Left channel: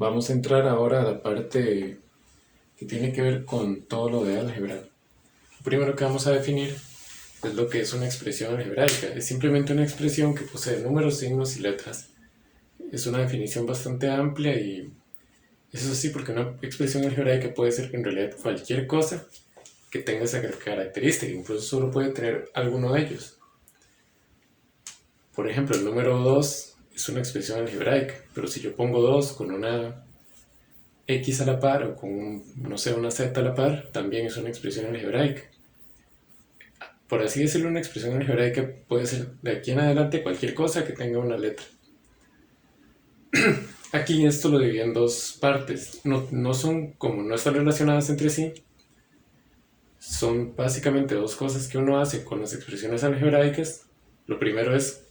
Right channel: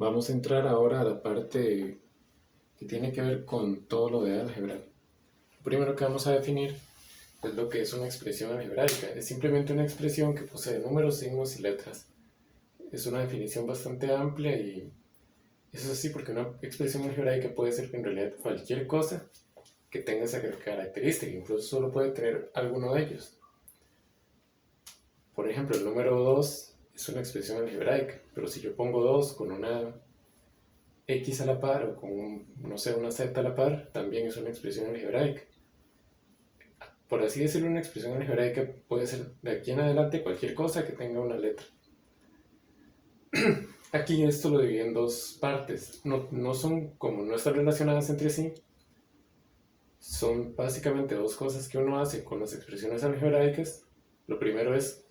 Vamos a entrar ahora a la parte que tiene que ver con todo lo de álgebra. Lo primero que vamos a definir es lo que es una expresión algebraica. Es simplemente una expresión que posee números, signos y letras. Es una definición bastante amplia y eso sí, porque una expresión algebraica puede ser en realidad cualquier cosa que tenga esa característica, incluso solo puede tener alguno de ellos. Por ejemplo, el número 2 es una expresión algebraica, pero si yo pongo 2 con una X a la par o con, no sé, una Z a la par, también es una expresión algebraica. Por así decirlo, una expresión algebraica puede ser de aquí en adelante cualquier cosa que tenga una letra. Aquí esto lo dividí en dos partes. No son, como no están relacionadas entre sí, son básicamente dos cosas que uno hace con las expresiones algebraicas. Lo primero es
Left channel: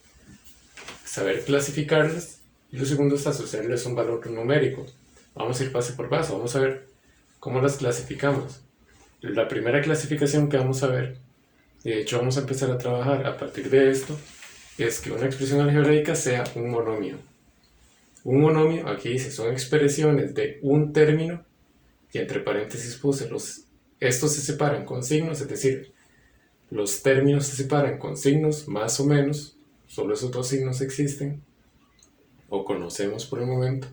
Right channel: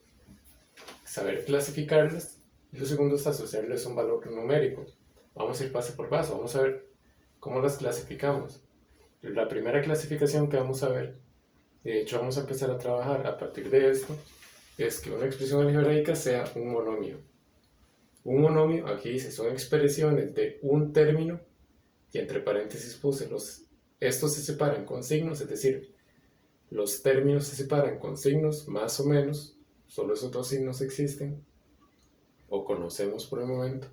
saber clasificarlas y lo segundo es asociarles un valor numérico. Vamos a ir paso por paso, vamos a ver cómo las clasificamos. La primera clasificación que vamos a ver, de hecho vamos a empezar a trabajar a partir de esto, es que una expresión algebraica sea un monomio. Un monomio, aquí dice, son expresiones de un término y entre paréntesis puse estos se separan con signos, es decir, los términos se separan con signos más o menos, solo esos dos signos existen o conocemos por el momento.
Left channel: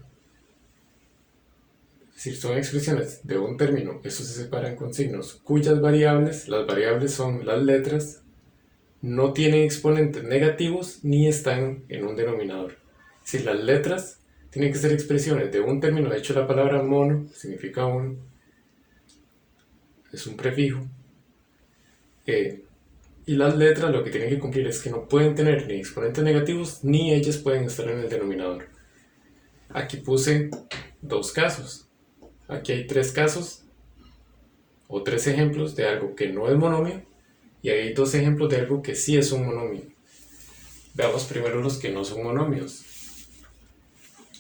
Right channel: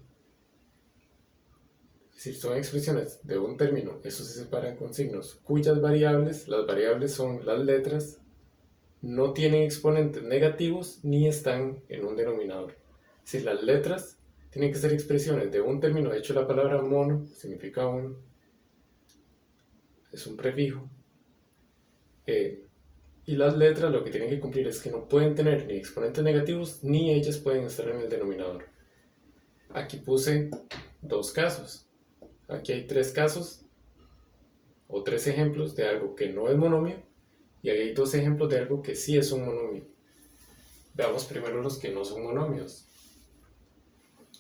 Es decir, son expresiones de un término, estos se separan con signos cuyas variables, las variables son las letras, no tienen exponentes negativos ni están en un denominador. Es decir, las letras tienen que ser expresiones de un término. De hecho, la palabra mono significa uno, es un prefijo. Y las letras lo que tienen que cumplir es que no pueden tener ni exponentes negativos ni ellas pueden estar en el denominador. Aquí puse dos casos. Aquí hay tres casos o tres ejemplos de algo que no es monomio y hay dos ejemplos de algo que sí es un monomio. Veamos primero los que no son monomios.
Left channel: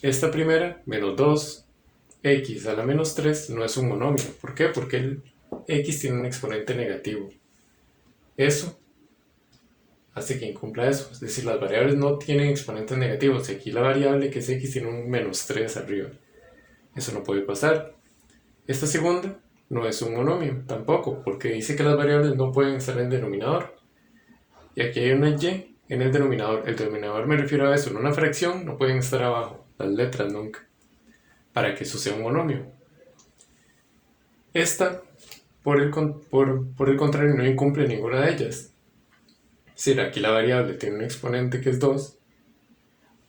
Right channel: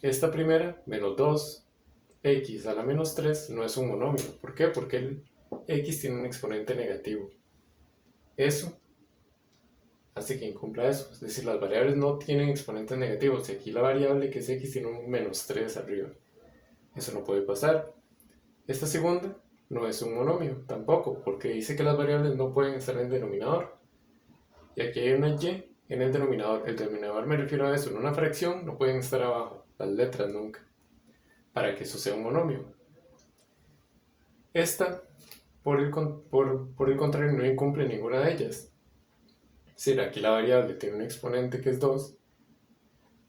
Esta primera, menos 2x a la menos 3, no es un monomio. ¿Por qué? Porque el x tiene un exponente negativo. Eso hace que incumpla eso. Es decir, las variables no tienen exponentes negativos. Aquí la variable que es x tiene un menos 3 arriba. Eso no puede pasar. Esta segunda no es un monomio tampoco, porque dice que las variables no pueden estar en el denominador. Y aquí hay una y en el denominador. El denominador me refiero a eso. En una fracción no pueden estar abajo, las letras nunca, para que eso sea un monomio. Esta, por el contrario, no incumple ninguna de ellas. Es decir, aquí la variable tiene un exponente que es 2,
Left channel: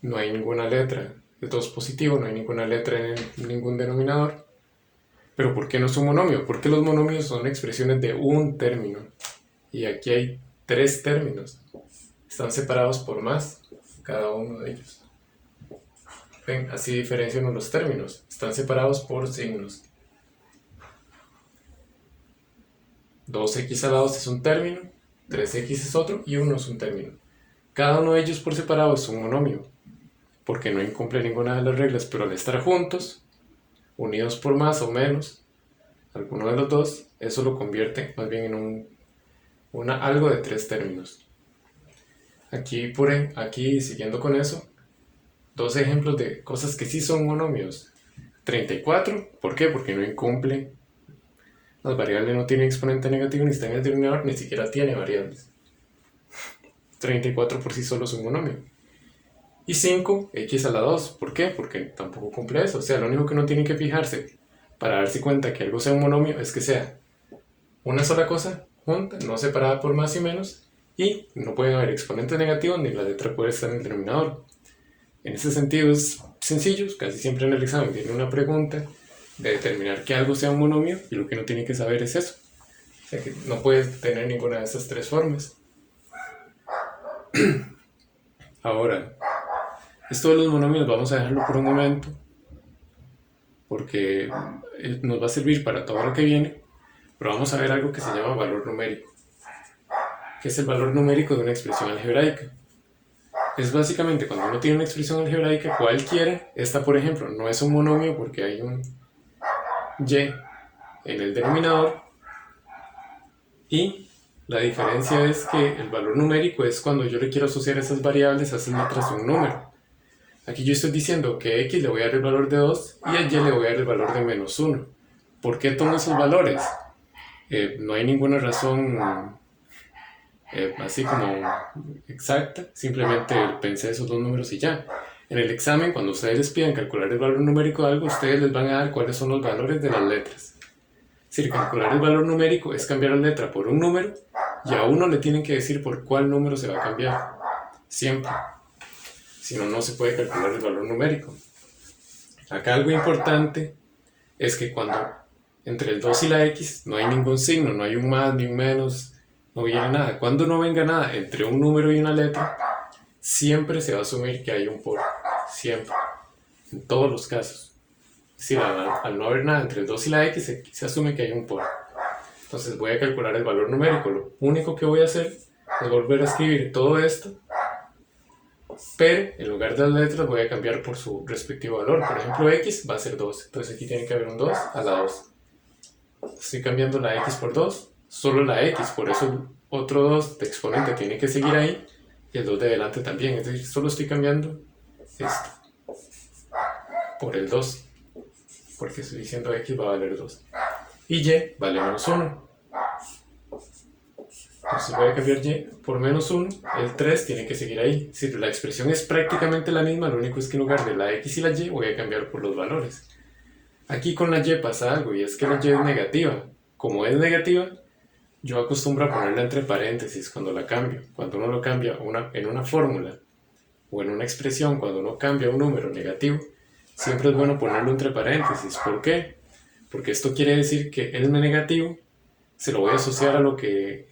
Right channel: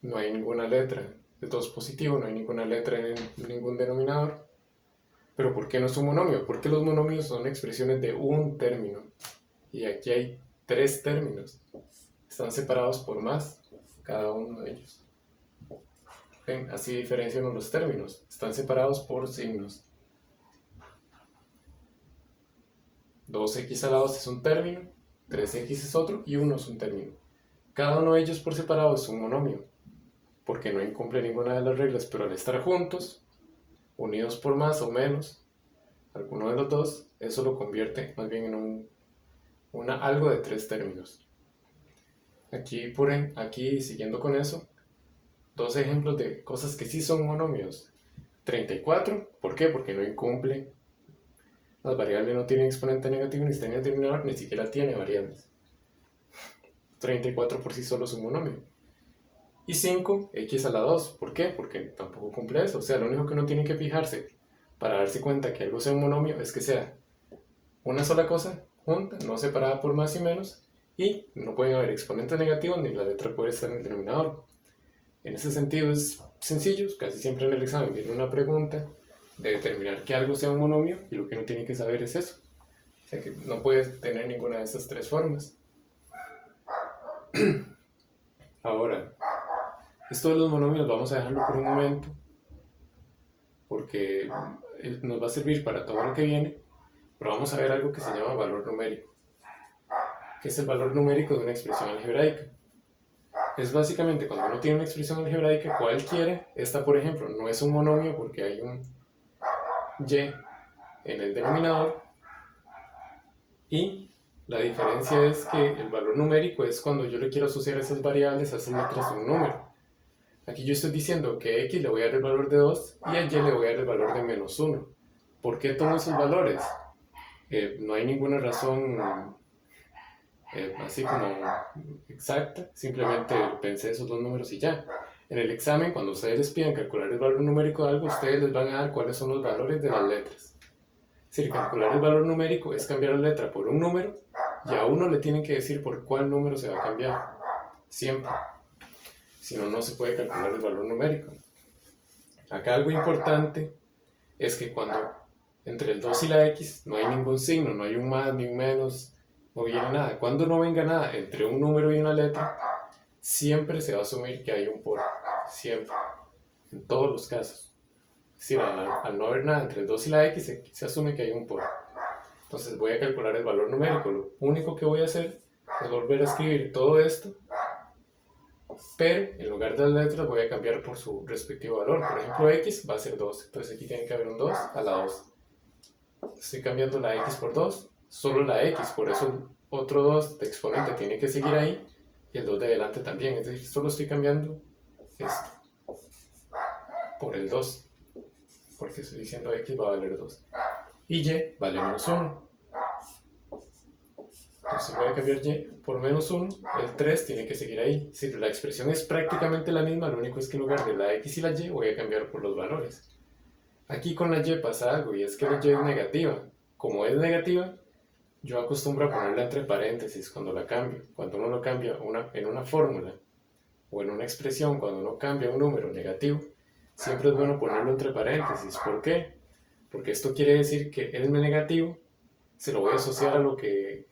no hay ninguna letra, es 2 positivo, no hay ninguna letra en ningún denominador. Pero ¿por qué no es un monomio? Porque los monomios son expresiones de un término. Y aquí hay tres términos. Están separados por más, cada uno de ellos. ¿Ven? Así diferencian los términos. Están separados por signos. 2x a la 2 es un término, 3x es otro y 1 es un término. Cada uno de ellos por separado es un monomio, porque no incumple ninguna de las reglas, pero al estar juntos, unidos por más o menos, alguno de los dos, eso lo convierte más bien en algo de tres términos. Aquí, siguiendo con eso, dos ejemplos de cosas que sí son monomios. 34, ¿por qué? Porque no incumple. Las variables no tienen exponente negativo ni está en el denominador, ni siquiera tiene variables. 34 por sí solo es un monomio. Y 5, x a la 2, ¿por qué? Porque tampoco cumple eso. O sea, lo único que uno tiene que fijarse para darse cuenta que algo sea un monomio es que sea una sola cosa junta, no separada por más y menos, y no pueden haber exponentes negativos ni la letra puede estar en el denominador. En ese sentido es sencillo, casi siempre en el examen viene una pregunta de determinar que algo sea un monomio y lo que uno tiene que saber es eso. O sea que no puede tener ninguna de esas tres formas. Ahora, esto de los monomios vamos a dejarlo por un momento porque nos va a servir para todo lo que viene, pero vamos a ver algo que se llama valor numérico, que es el valor numérico de una expresión algebraica. Es básicamente cuando uno tiene una expresión algebraica cualquiera, esta por ejemplo no es un monomio porque hay un y en el denominador y la diferencia es que el valor numérico es cuando yo le quiero asociar esas variables a esas letras a un número. Aquí yo estoy diciendo que a x le voy a dar el valor de 2 y a y le voy a dar el valor de menos 1. ¿Por qué tomo esos valores? No hay ninguna razón así como exacta, simplemente pensé esos dos números y ya. En el examen, cuando ustedes les piden calcular el valor numérico de algo, ustedes les van a dar cuáles son los valores de las letras. Es decir, calcular el valor numérico es cambiar la letra por un número y a uno le tienen que decir por cuál número se va a cambiar. Siempre. Si no, no se puede calcular el valor numérico. Acá algo importante es que cuando entre el 2 y la x no hay ningún signo, no hay un más ni un menos, no viene nada. Cuando no venga nada entre un número y una letra, siempre se va a asumir que hay un por. Siempre. En todos los casos. Es decir, al no haber nada entre el 2 y la x, se asume que hay un por. Entonces voy a calcular el valor numérico. Lo único que voy a hacer es volver a escribir todo esto, pero en lugar de las letras voy a cambiar por su respectivo valor. Por ejemplo, x va a ser 2. Entonces aquí tiene que haber un 2 a la 2. Estoy cambiando la x por 2, solo la x, por eso el otro 2 de exponente tiene que seguir ahí y el 2 de delante también. Es decir, solo estoy cambiando esto por el 2, porque estoy diciendo x va a valer 2 y y vale menos 1. Entonces voy a cambiar y por menos 1, el 3 tiene que seguir ahí. Es decir, la expresión es prácticamente la misma, lo único es que en lugar de la x y la y voy a cambiar por los valores. Aquí con la y pasa algo y es que la y es negativa. Como es negativa, yo acostumbro a ponerla entre paréntesis cuando la cambio. Cuando uno lo cambia en una fórmula o en una expresión, cuando uno cambia un número negativo, siempre es bueno ponerlo entre paréntesis. ¿Por qué? Porque esto quiere decir que el negativo se lo voy a asociar a lo que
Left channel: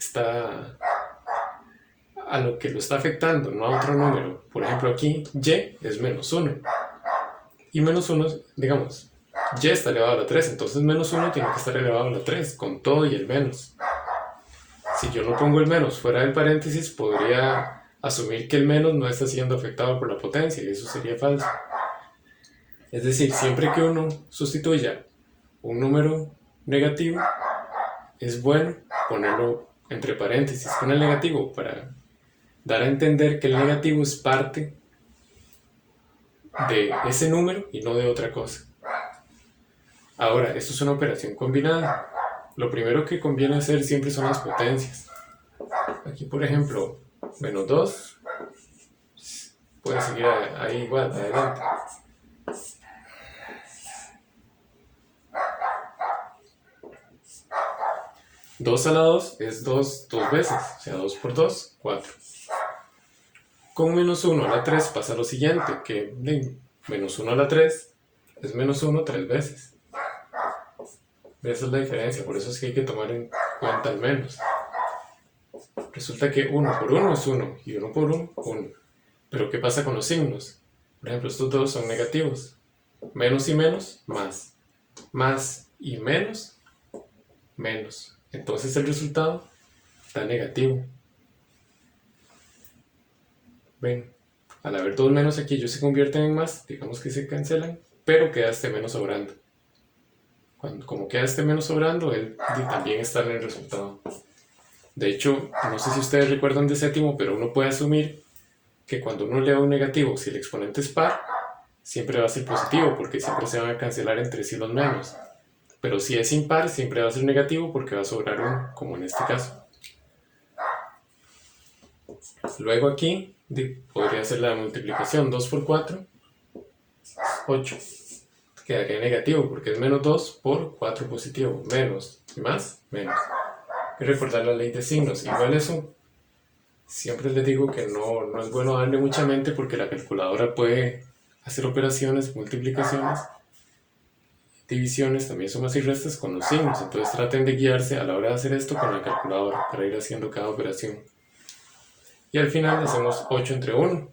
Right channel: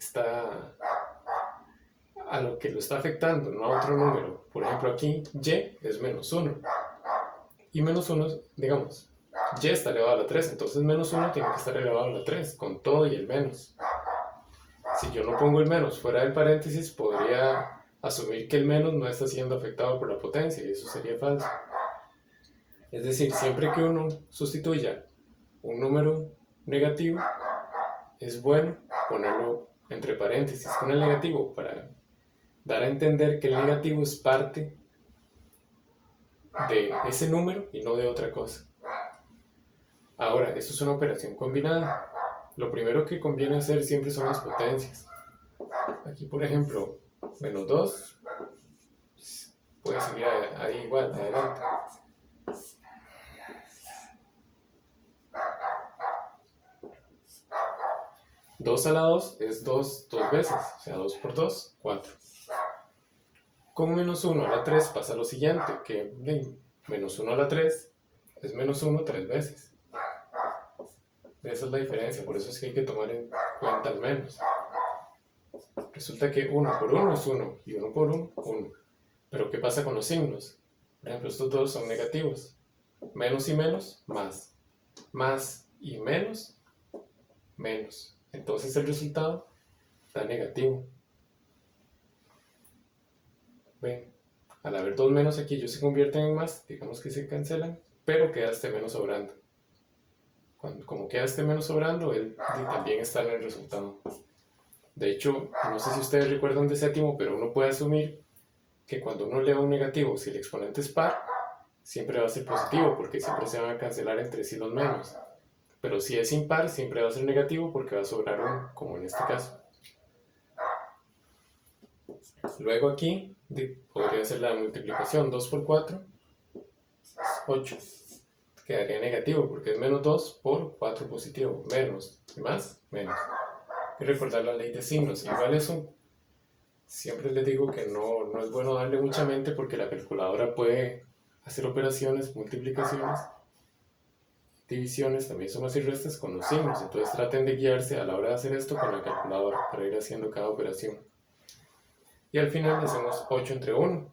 lo está afectando, no a otro número. Por ejemplo, aquí y es menos 1. Y menos 1, digamos, y está elevado a la 3, entonces menos 1 tiene que estar elevado a la 3, con todo y el menos. Si yo no pongo el menos fuera del paréntesis, podría asumir que el menos no está siendo afectado por la potencia, y eso sería falso. Es decir, siempre que uno sustituya un número negativo, es bueno ponerlo entre paréntesis con el negativo para dar a entender que el negativo es parte de ese número y no de otra cosa. Ahora, esto es una operación combinada. Lo primero que conviene hacer siempre son las potencias. Aquí, por ejemplo, menos 2 puede seguir ahí igual, adelante. Dos a la 2 es 2 dos veces, o sea, 2 por 2, 4. Con menos 1 a la 3 pasa lo siguiente, que menos 1 a la 3 es menos 1 3 veces. Esa es la diferencia, por eso es que hay que tomar en cuenta el menos. Resulta que 1 por 1 es 1 y 1 por 1, 1. Pero ¿qué pasa con los signos? Por ejemplo, estos dos son negativos. Menos y menos, más. Más y menos, menos. Entonces el resultado da negativo. Ven, al haber dos menos aquí ellos se convierten en más, digamos que se cancelan, pero queda este menos sobrando. Como queda este menos sobrando, él también está en el resultado. De hecho, no sé si ustedes recuerdan de séptimo, pero uno puede asumir que cuando uno eleva un negativo, si el exponente es par, siempre va a ser positivo, porque siempre se van a cancelar entre sí los menos. Pero si es impar, siempre va a ser negativo porque va a sobrar uno, como en este caso. Luego aquí podría ser la multiplicación. 2 por 4, 8. Quedaría negativo porque es menos 2 por 4 positivo. Menos y más, menos. Hay que recordar la ley de signos. Igual eso, siempre les digo que no es bueno darle mucha mente porque la calculadora puede hacer operaciones, multiplicaciones, divisiones, también sumas y restas con los signos. Entonces traten de guiarse a la hora de hacer esto con la calculadora para ir haciendo cada operación. Y al final hacemos 8 entre 1.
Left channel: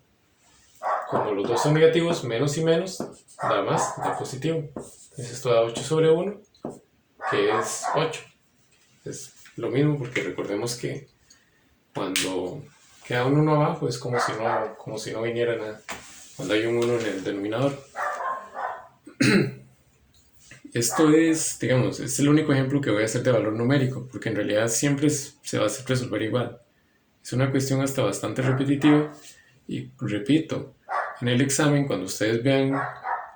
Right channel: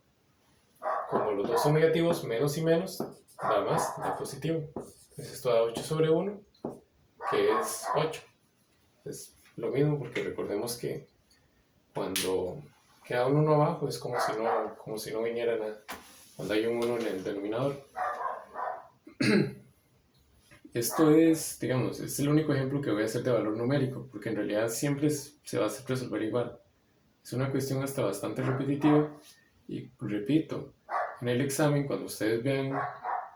Cuando los dos son negativos, menos y menos da más, da positivo. Entonces esto da 8 sobre 1, que es 8. Es lo mismo porque recordemos que cuando queda un 1 abajo es como si no viniera nada. Cuando hay un 1 en el denominador. Esto es, digamos, es el único ejemplo que voy a hacer de valor numérico, porque en realidad siempre se va a resolver igual. Es una cuestión hasta bastante repetitiva y repito, En el examen, cuando ustedes vean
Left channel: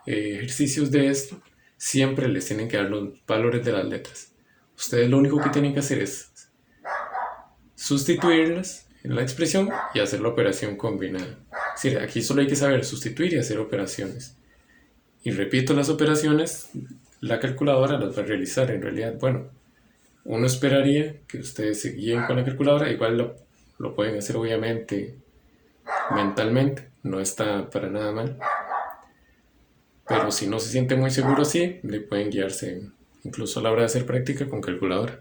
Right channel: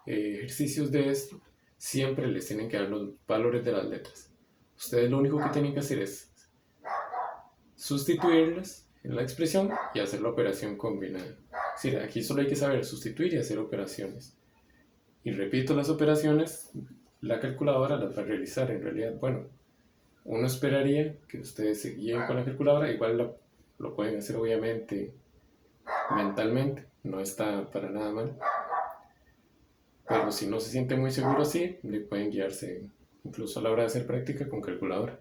ejercicios de esto, siempre les tienen que dar los valores de las letras. Ustedes lo único que tienen que hacer es sustituirlas en la expresión y hacer la operación combinada. Es decir, aquí solo hay que saber sustituir y hacer operaciones. Y repito, las operaciones, la calculadora las va a realizar en realidad. Bueno, uno esperaría que ustedes se guíen con la calculadora, igual lo pueden hacer obviamente mentalmente, no está para nada mal. Pero si no se sienten muy seguros, sí, pueden guiarse incluso a la hora de hacer práctica con calculadora.